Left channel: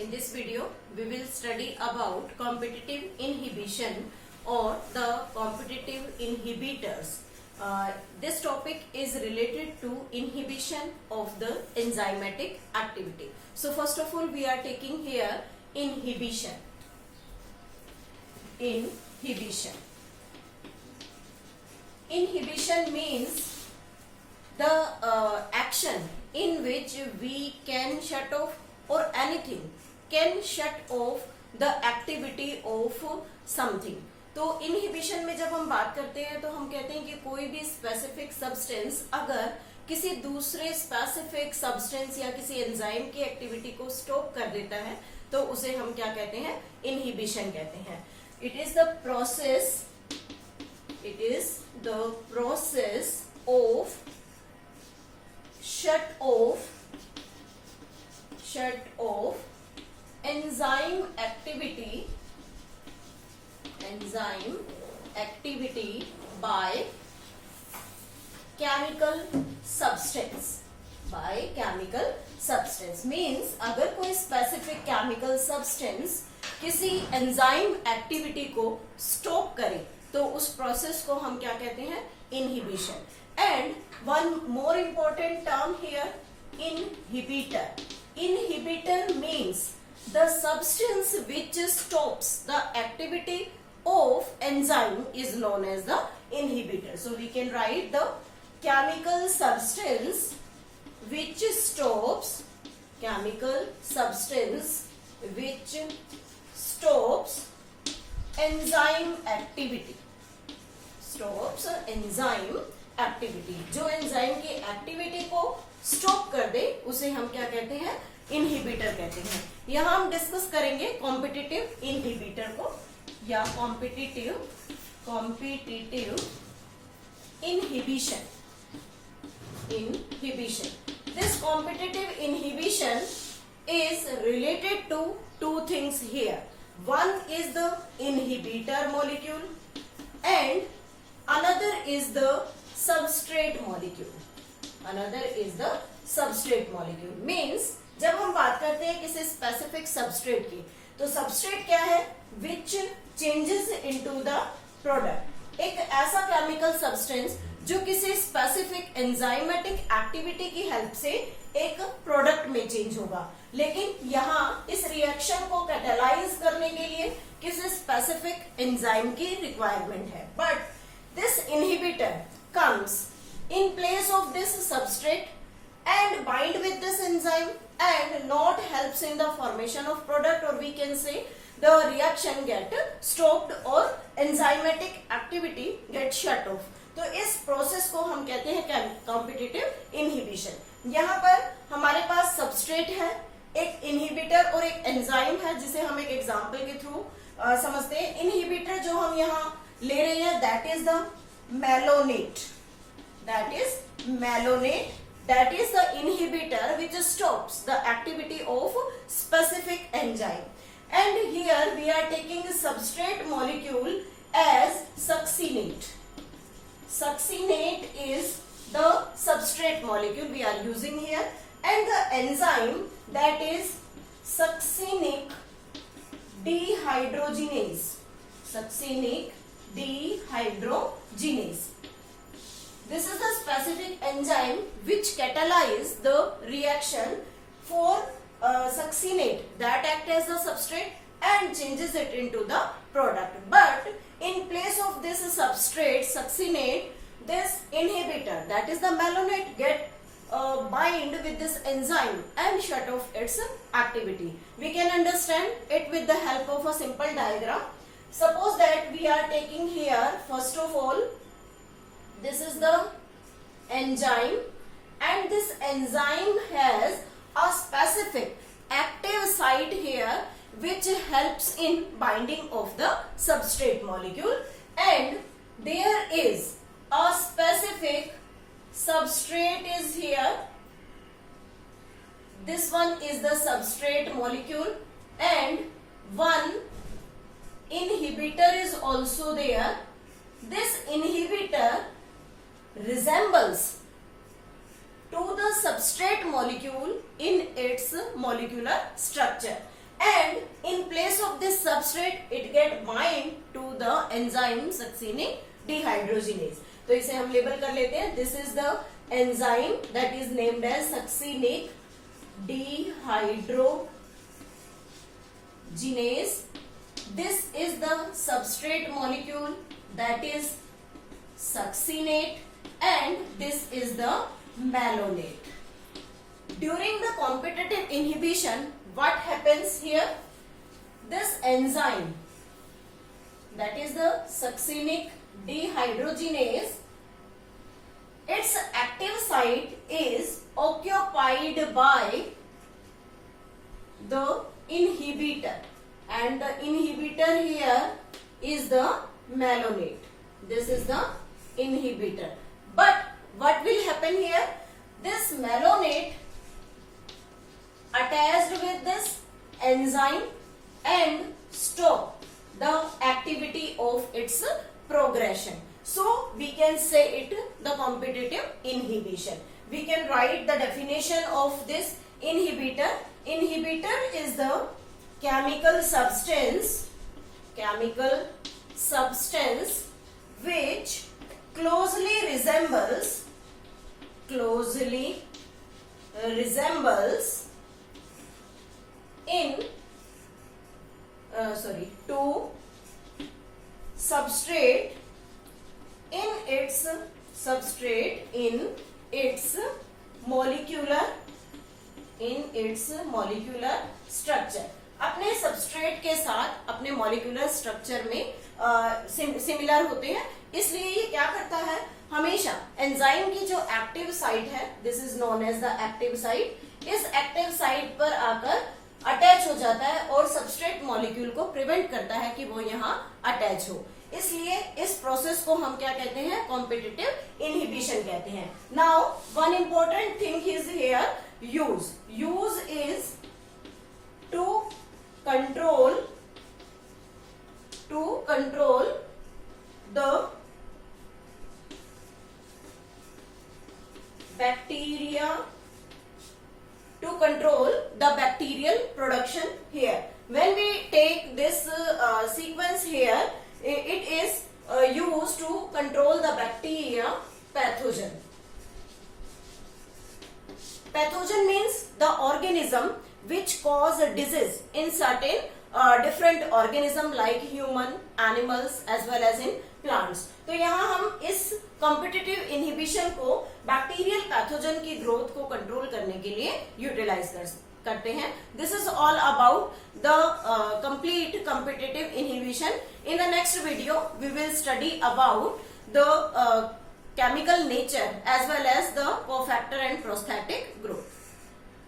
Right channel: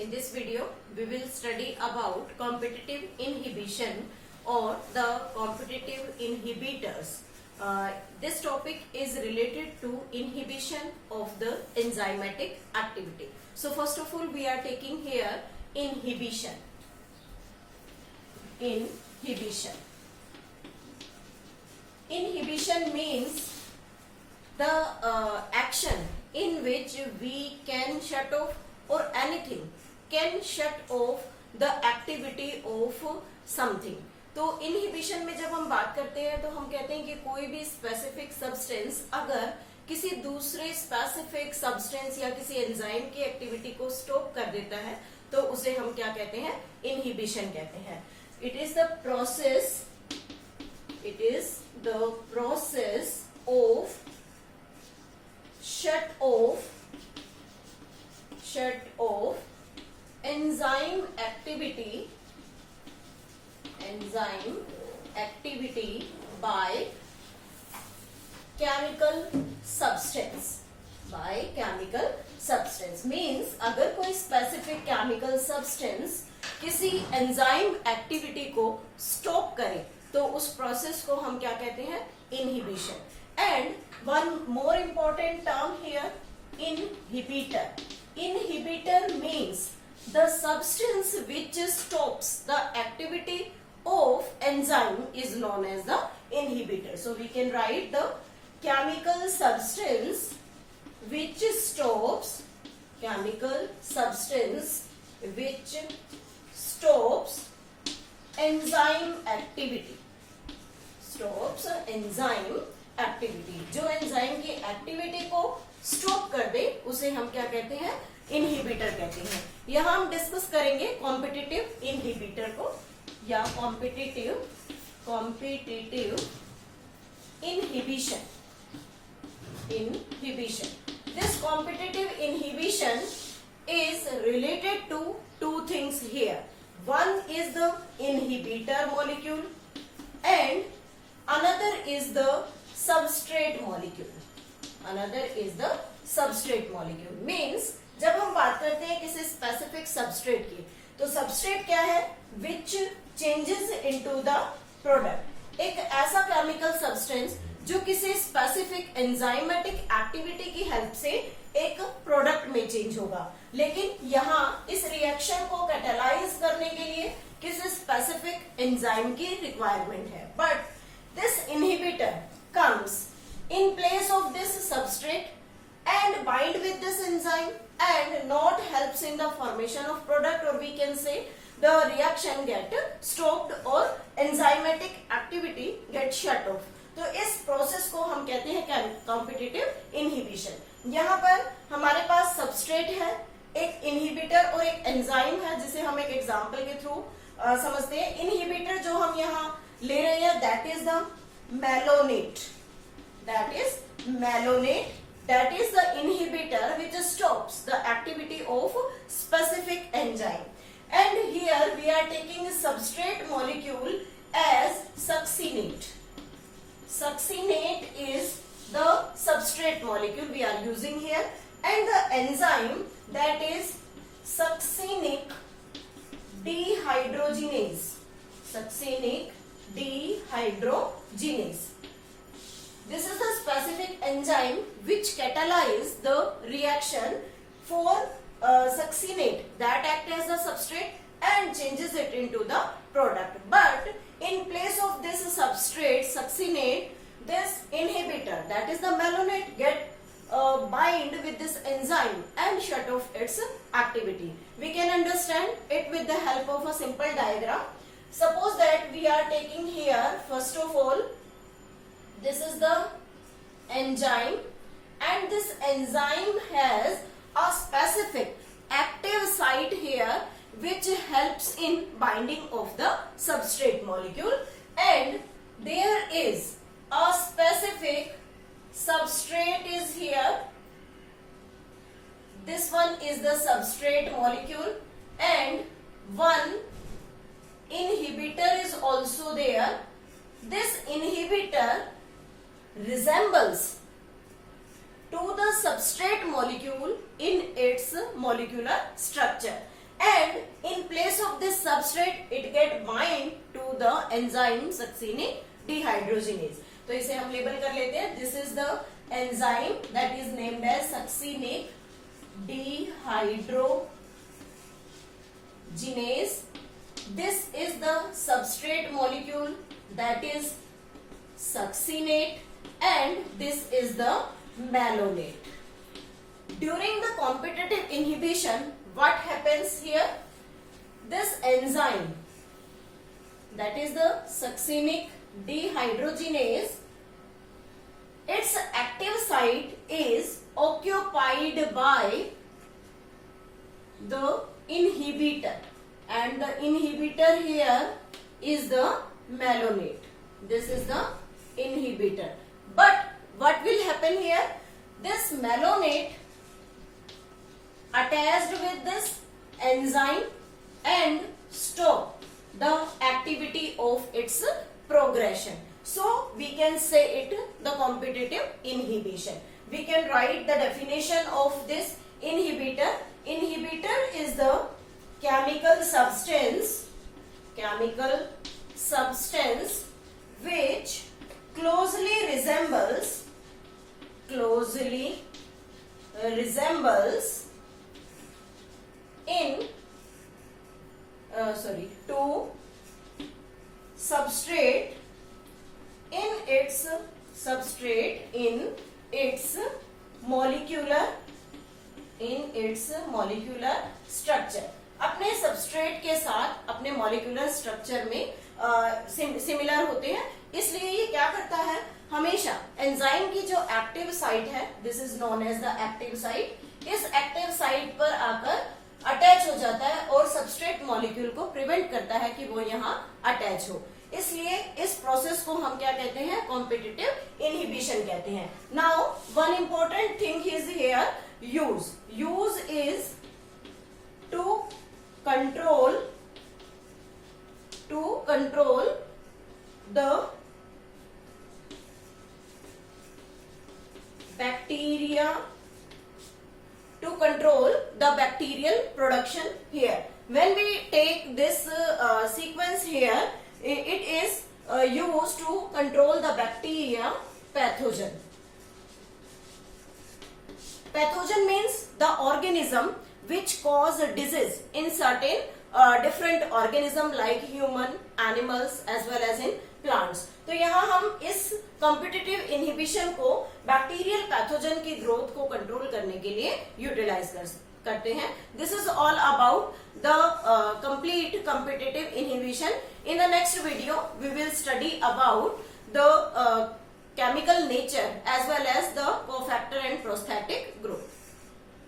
In this video, we will study about competitive inhibition or the competitive inhibitors. This topic is related to inhibition of the enzymatic activity. So first of all, we are taking here inhibition. Inhibition. Inhibition means the action in which we can shut off or anything can shut off the activity of something. तो inhibition में जब हम बात करते हैं तो हम कहते हैं कि कोई भी स्पेसिफिक सब्सटेंस अगर किसी दूसरे स्पेसिफिक सब्सटेंस या किसी एंजाइम की एक्टिविटी को स्टॉप कर देता है तो उसे हम क्या कहते हैं, इनहिबिशन कहते हैं. It is the process of shut off enzyme activity by chemical substance. Means अगर कोई specific chemical substance किसी enzyme activity को stop करे तो उस process को हम क्या कहते हैं, inhibition. And one more important term here, inhibitor. Inhibitor means the substance which stops the activity of enzyme is known as the inhibitor. So we can write the chemical substance which stops enzyme activity. जो enzyme की activity को stop कर दे उसे हम क्या कहते हैं, inhibitor कहते हैं. यहां हम डिस्कस करेंगे कॉम्पिटिटिव इनहिबिटर को या competitive inhibition. This competitive inhibition is related to two things here. One is the inhibitor molecule and another is the substrate molecule. Means जब हम बात करते हैं किसी स्पेसिफिक सबस्ट्रेट की तो सबस्ट्रेट क्या है, which changes into the product. एक ऐसा केमिकल सब्सटेंस जो किसी स्पेसिफिक एंजाइमेटिक एक्टिविटी की हेल्प से एक प्रोडक्ट में चेंज होगा. लेकिन यहाँ इस रिएक्शन को कैटालाइज करने के लिए किसी स्पेसिफिक एंजाइम की रिक्वायरमेंट है. But this inhibitor comes in place of this substrate and bind with this enzyme and not helps in the formation of product, or we can say the reaction get stopped or enzymatic activity get shut off. तो इस process को हम कहते हैं competitive inhibition. यहाँ पर हमारे पास substrate है, एक इनहिबिटर और एक एंजाइम है जिसे हम एक एग्जाम्पल के थ्रू समझते हैं. इनहिबिटर जो हम यहाँ ले रहे हैं that is the malonate. That is the inhibitor which stops the activity of specific enzyme. And here we are taking the substrate molecule as succinate. Succinate is the substrate molecule we are using here, and the enzyme that is succinic dehydrogenase. This is the specific enzyme which catalyze the reaction for succinate that act as the substrate and changes it into the product. But in place of this substrate succinate, this inhibitor that is the malonate get bind with this enzyme and shut off its activity. We can understand it with the help of a simple diagram. Suppose that we are taking here, first of all, this is the enzyme and this enzyme has a specific active site here which helps in binding of the substrate molecule, and there is a specific substrate is here. This one is the substrate molecule and one inhibitor is also there. This inhibitor resembles to the substrate molecule in its molecular structure. and in place of this substrate it get bind to the enzyme succinic dehydrogenase. तो इसे हम label कर लेते हैं. This is the enzyme that is named as succinic dehydrogenase. This is the substrate molecule, that is succinate, and this is the malonate. During the competitive inhibition, what happens here? This enzyme, that is the succinic dehydrogenase, its active site is occupied by the inhibitor, and the inhibitor here is the malonate. This is the inhibitor. But what will happen here? This malonate attached with this enzyme and stop the activity of its progression. So we can say it the competitive inhibition. We can write the definition of this inhibitor. Inhibitor is the chemical substance which closely resembles in to substrate in its molecular structure. अपने substrate के साथ अपने molecular structure में similar होते हैं. इसलिए ये क्या करता है, हमेशा एंजाइम की जो एक्टिव साइट है, this is known as the active site, इस एक्टिव साइट पर आकर अटैच हो जाता है और सबस्ट्रेट मॉलिक्यूल को प्रिवेंट करता है कि वो यहाँ अटैच हो. इसलिए इस प्रोसेस को हम क्या कहते हैं, कॉम्पिटिटिव इनहिबिशन कहते हैं. Now one important thing is here use is to control the bacteria, to control the bacterial production here. When we take this sequence here, it is used to control the bacteria pathogen. Pathogen means the organism which cause disease in certain different organism like human, animals as well as in plants. तो यहाँ हम इस competitive inhibition को bacterial pathogen की growth को control करने के लिए यूटिलाइज करते हैं. This is all about the complete competitive inhibition. In the next video we will study about the chemical nature as well as the cofactor and prosthetic